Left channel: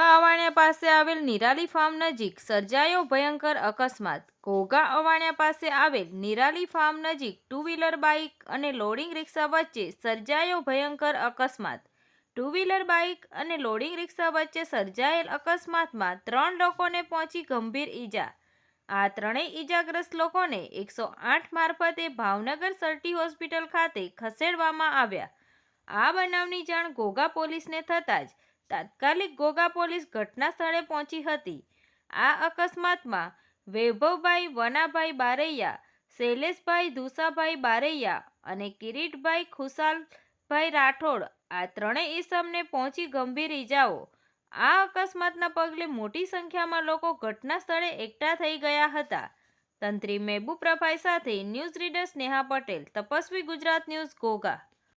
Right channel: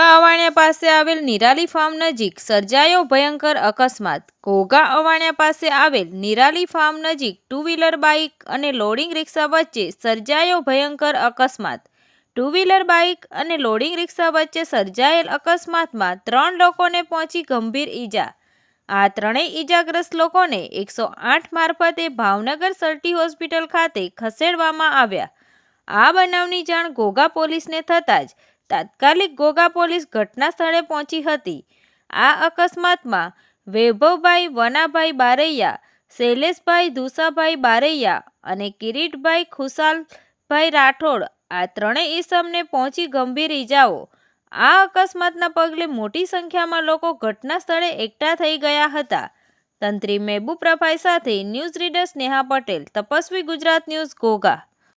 અવાણિયા પાસે આવેલ નિરાલી ફાર્મ નજીક સર્જાયો ભયંકર અકસ્માત. ઘોઘા અવાણિયા પાસે આવેલ નિરાલી ફાર્મ નજીક ટુ વ્હીલર બાઇક અને લોડિંગ રિક્ષા વચ્ચે સર્જાયો ભયંકર અકસ્માત. ટુ વ્હીલર બાઇક અને લોડિંગ રિક્ષા વચ્ચે સર્જાયેલ અકસ્માતમાં ત્રણ લોકોને પહોંચી ગંભીર ઈજા. આ ત્રણેય ઈજાગ્રસ્ત લોકોને એકસો આઠ મારફતે ભાવનગર સર્ટી હોસ્પિટલ ખાતે ખસેડવામાં આવ્યા. આ બનાવની જાણ ઘોઘા પોલીસને થતાં જ તાત્કાલિક ઘોઘા પોલીસ ઘટના સ્થળે પહોંચી હતી. આ અકસ્માતમાં વૈભવભાઈ વનાભાઈ બારૈયા, શૈલેષભાઈ ધુસાભાઈ બારૈયા અને કિરીટભાઈ ખુશાલભાઈ રાઠોડ આ ત્રણેય ઈસમને પહોંચી ગંભીર ઈજાઓ. આ અકસ્માતના પગલે મોટી સંખ્યામાં લોકો ઘટના સ્થળે એકઠા થઈ ગયા હતા. તંત્રી મેબુ પ્રભાઈ સાથે news reader Sneha Patel, Tapasvi Gujarat news Ghogha